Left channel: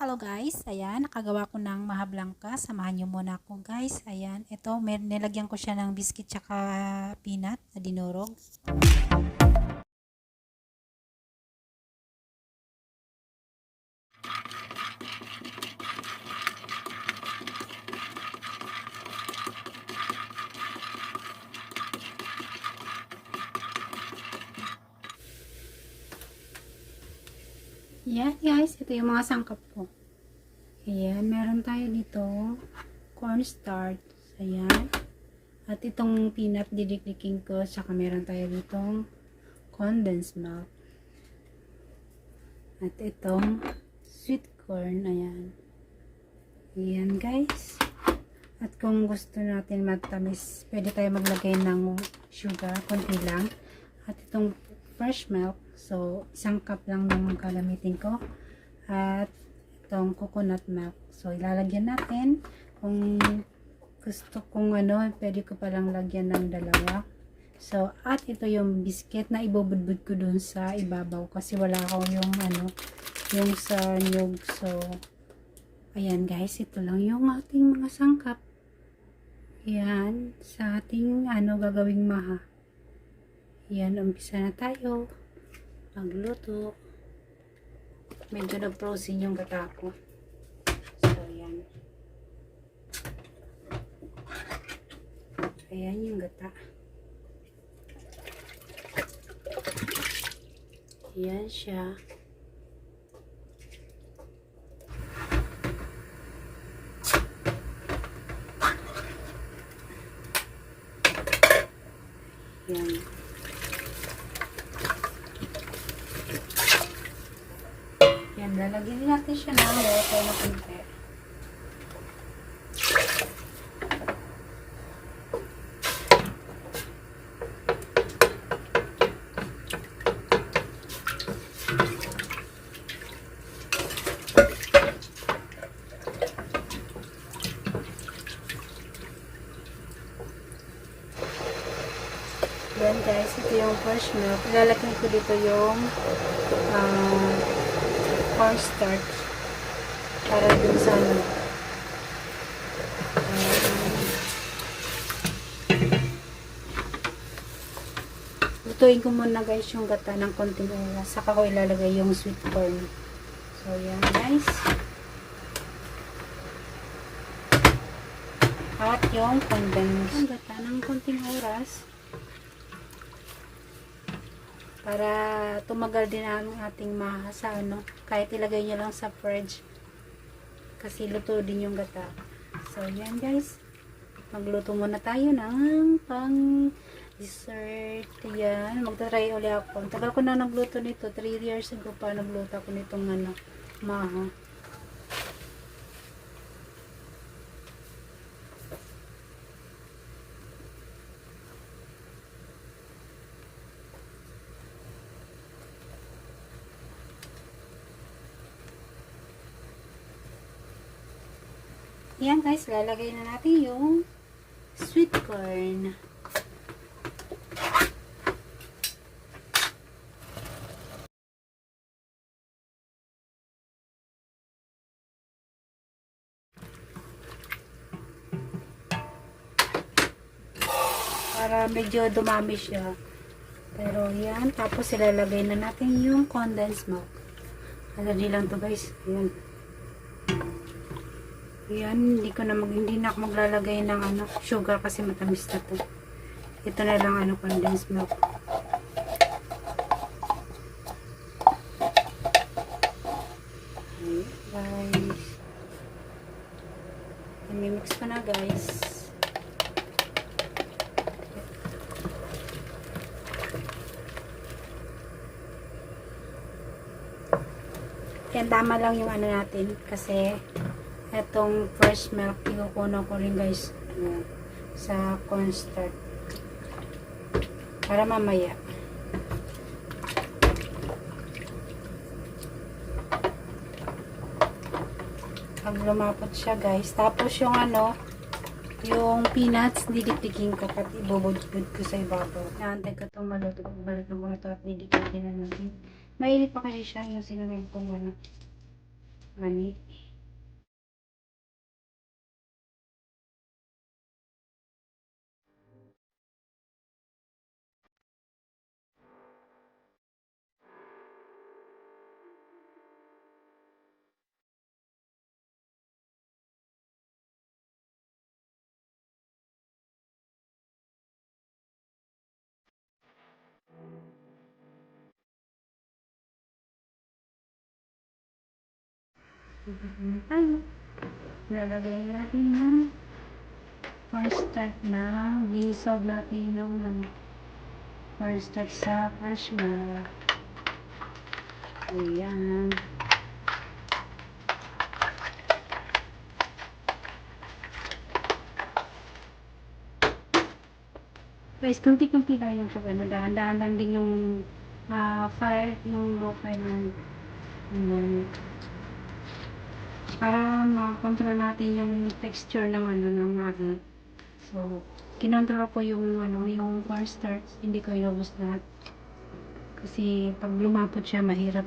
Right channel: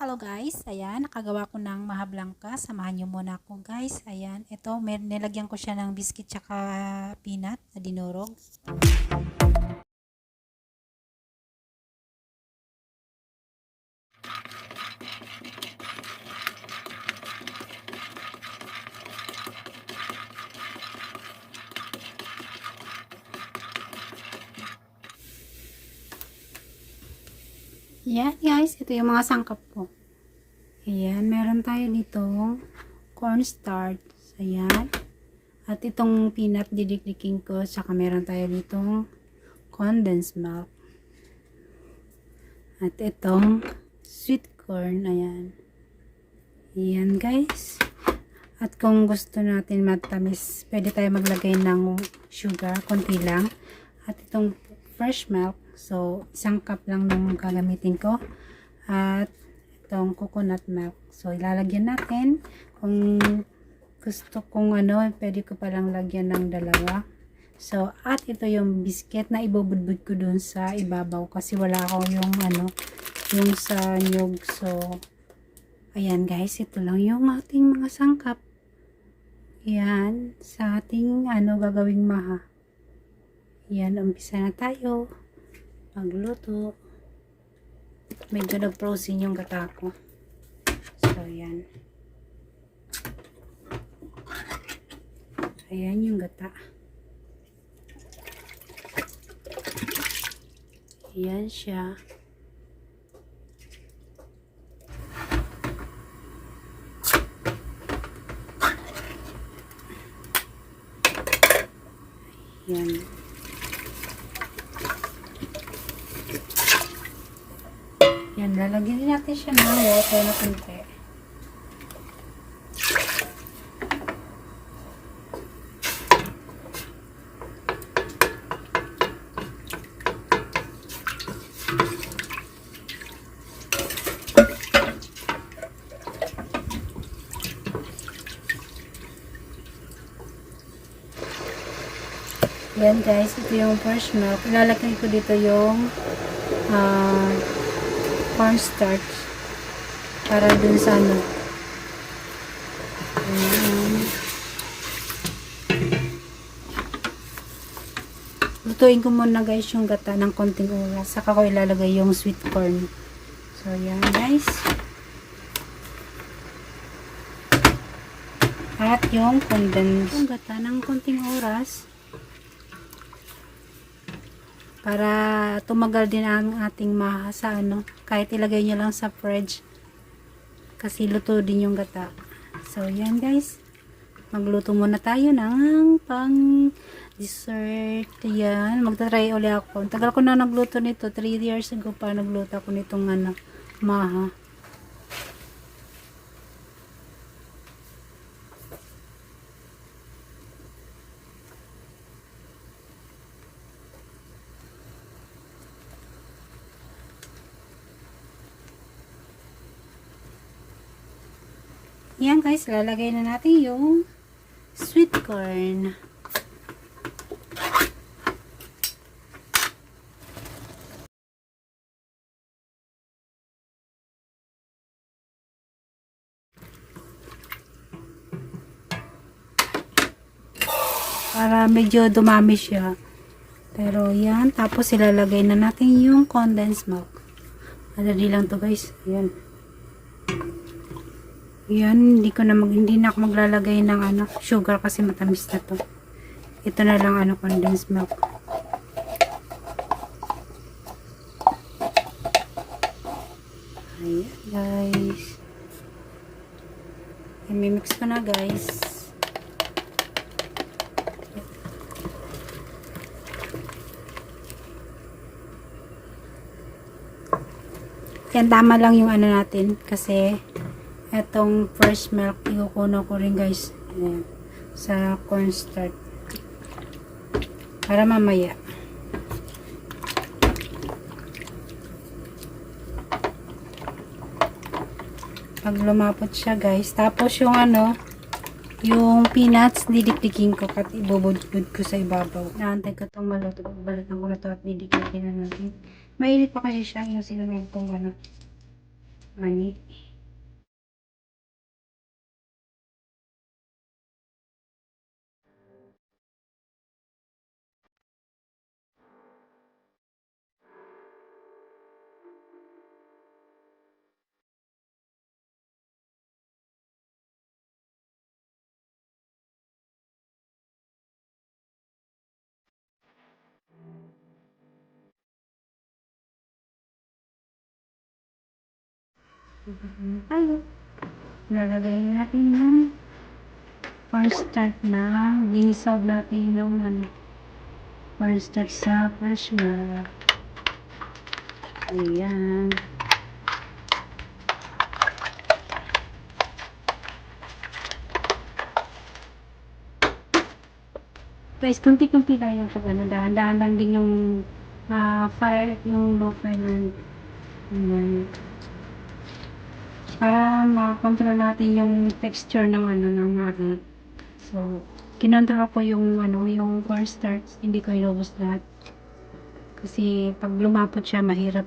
Hello guys, ayan, nakagawa ko ng mahablangka. Samahan nyo muna ako guys. Ayan, ito, nilagyan ko siya ng biscuit tsaka peanut na dinurog. Ayan guys, ito yung mga sangkap ko. Ayan, meron tayo dito cornstarch. Ayan. At itong peanut didiklikin ko. Tsaka meron tayo ditong condensed milk. At itong sweet corn. Ayan. Ayan guys. At kung gusto natin matamis, pwede tayo maglagay ng sugar, konti lang. At itong fresh milk. So, isang cup lang naman gagamitin ko. At itong coconut milk. So, ilalagyan natin. Kung gusto kong pwede ko palang lagyan ng dalawa. So, at ito yung biscuit na ibubudbud ko dun sa ibabaw. Kasi wala ako yung yung sa nyug. So, ayan guys, ito lang yung ating mga sangkap. Yan, sa ating gagawing maha. Yan, umpisa na tayo magluto. Medyo nag-frozen yung gata ko. So, yan. Ayan yung gata. Ayan siya. Ayan. Yan, lalagyan din natin siya ng water na kunti. Yan guys, ito yung fresh milk. Ilalagay ko dito yung cornstarch para dun sa lutuin ko muna guys yung gata ng konting oras, saka ko ilalagay yung sweet corn. So yan guys, at yung condensed yung gata ng konting oras para tumagal din ang ating maha sa kahit ilagay nyo lang sa fridge kasi luto din yung gata. So yan guys, magluto muna tayo ng pang dessert. Yan, magta-try ulit ako. Tagal ko na nagluto nito, 3 years ago pa nagluto ako nitong maha. Yan guys, lalagay na natin yung sweet corn. Para medyo dumami siya. Pero yan, tapos ilalagay na natin yung condensed milk. Madali lang to guys. Yan. Yan, hindi na ako maglalagay ng sugar kasi matamis na to. Ito na lang condensed milk. Ayan, guys. I-mix ko na guys. Yan, tama lang yung natin kasi etong fresh milk ikukuno ko rin guys sa cornstarch para mamaya. Pag lumapot siya guys, tapos yung yung peanuts didikdikin ko at ibubudbud ko sa ibabaw. Naantay ko itong maluto. Balikan ko na ito at didikdikin na natin. Mainit pa kasi siya yung sinunod kong Mani. Tayo. Lalagay natin ng first start na gisag natin yung first start sa cash bar. Ayan. Guys, kunti-kunti lang yung pag dahan-dahan lang din yung fire, yung low fire ng para ma-control natin yung texture ng ng magi. So, kinontrol ko yung yung cornstarch, hindi ko inubos lahat. Kasi pag lumapot siya, mahirap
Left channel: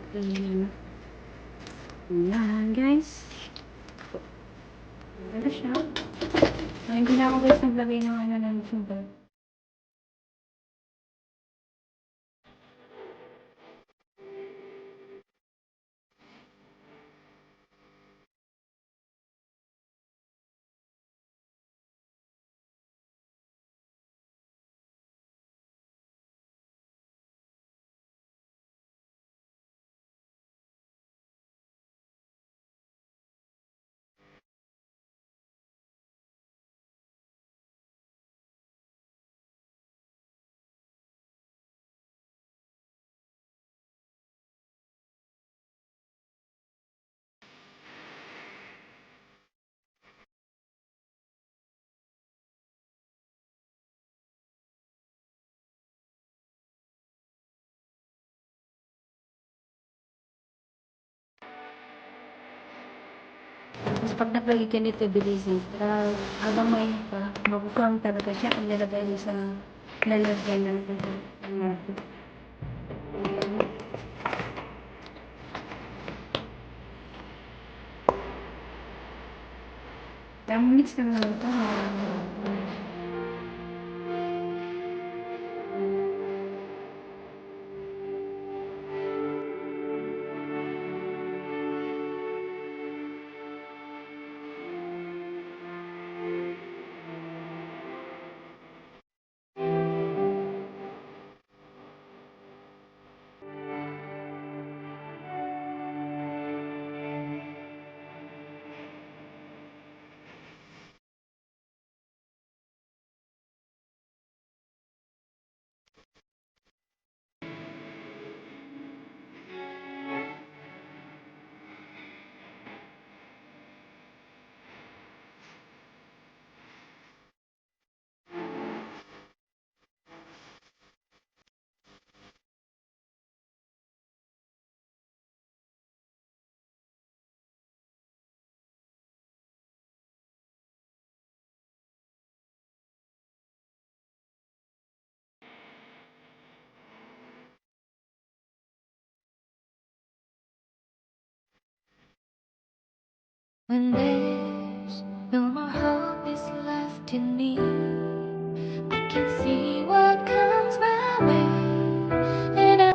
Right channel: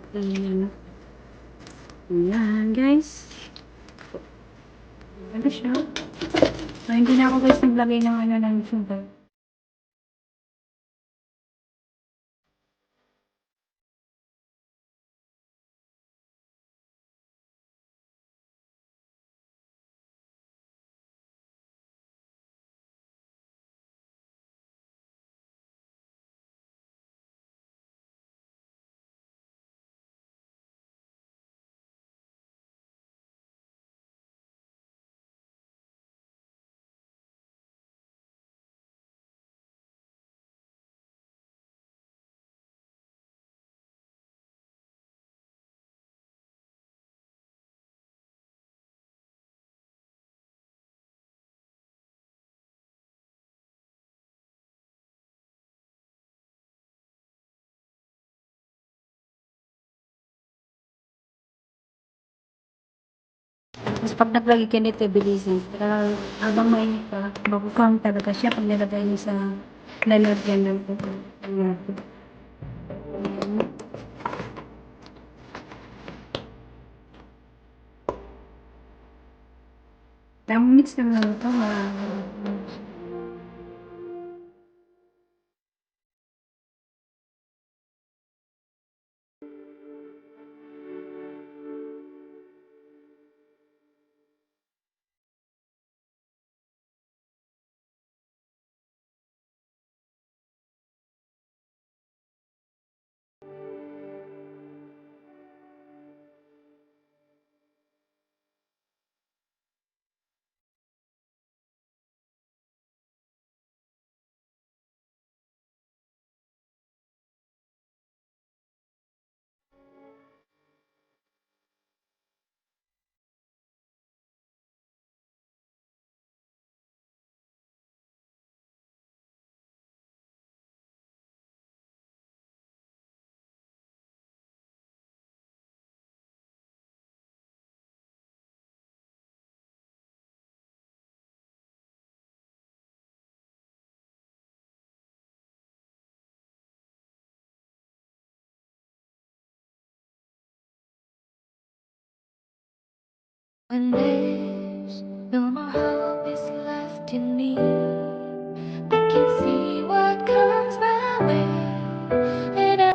Ayan, guys. Ano siya? So, hindi na ako guys naglagay ng ng sugar. Tapos pag naglagay ka nito, bilisin. Habang mainit pa, mabukang talaga siya kung nilagay niyo sa lalagyan ng natin. Tamang mix na lang ito. When there's no more hope is left in me, I can see what comes my way, and I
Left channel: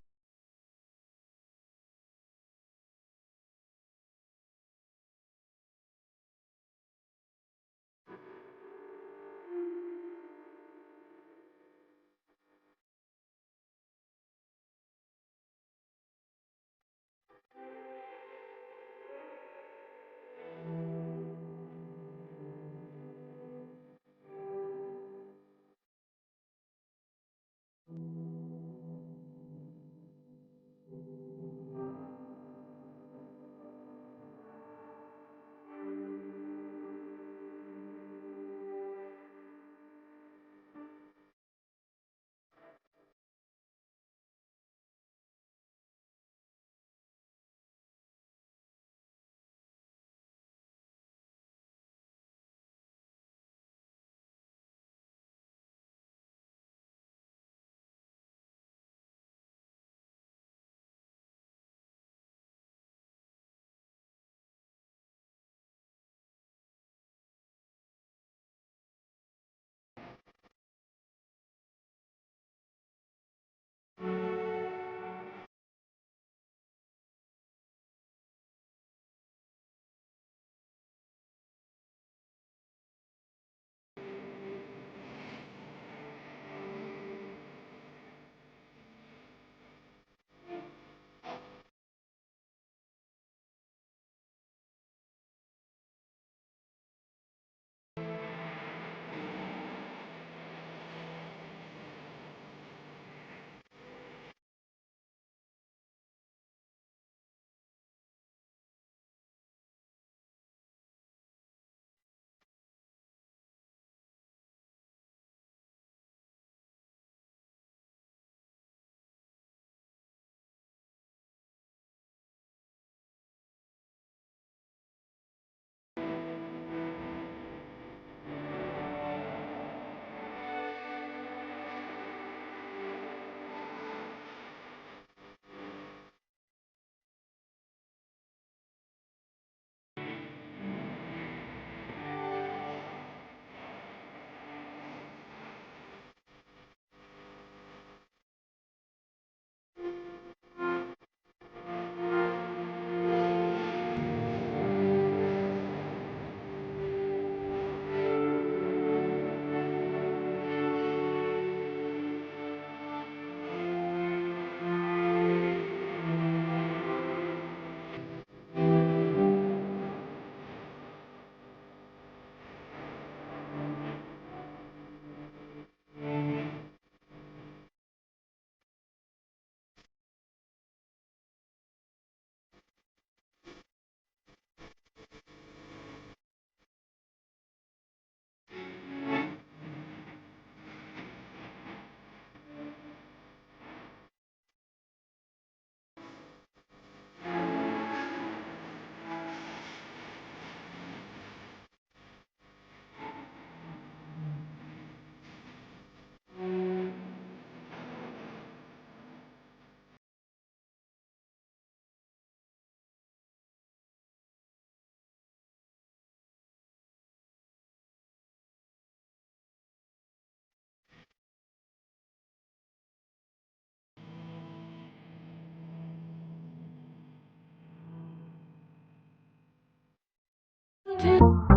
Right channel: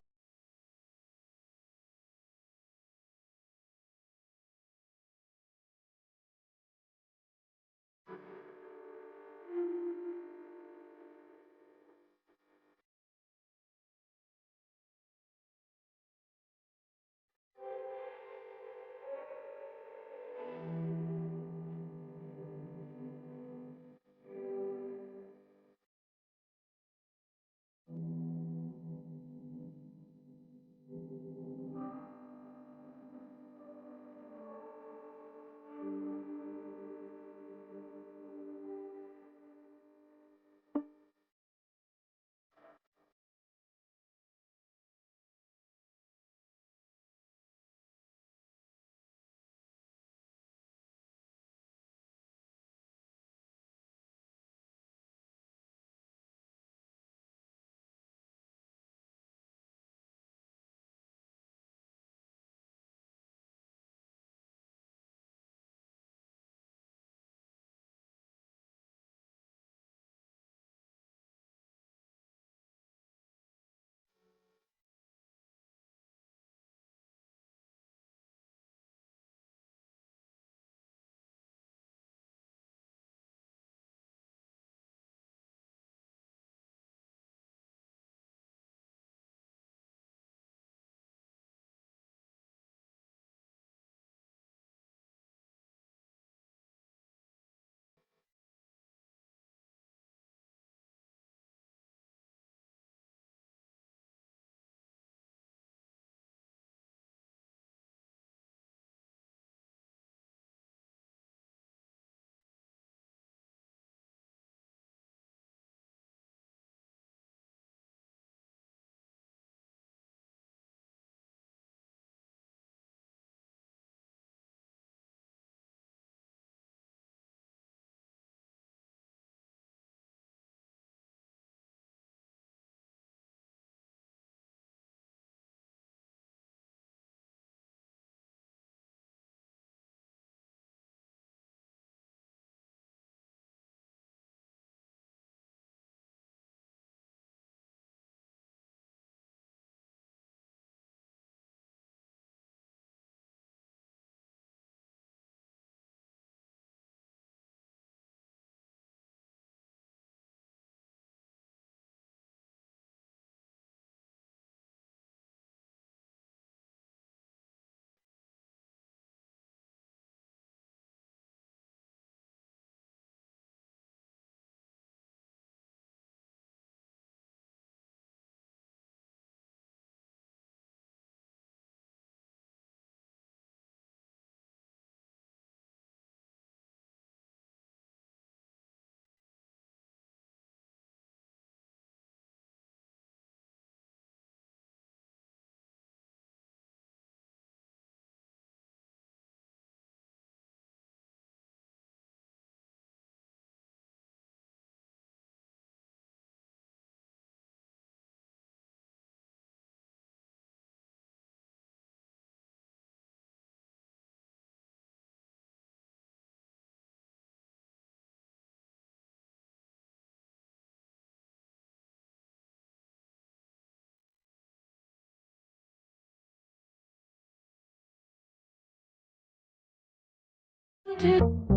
do.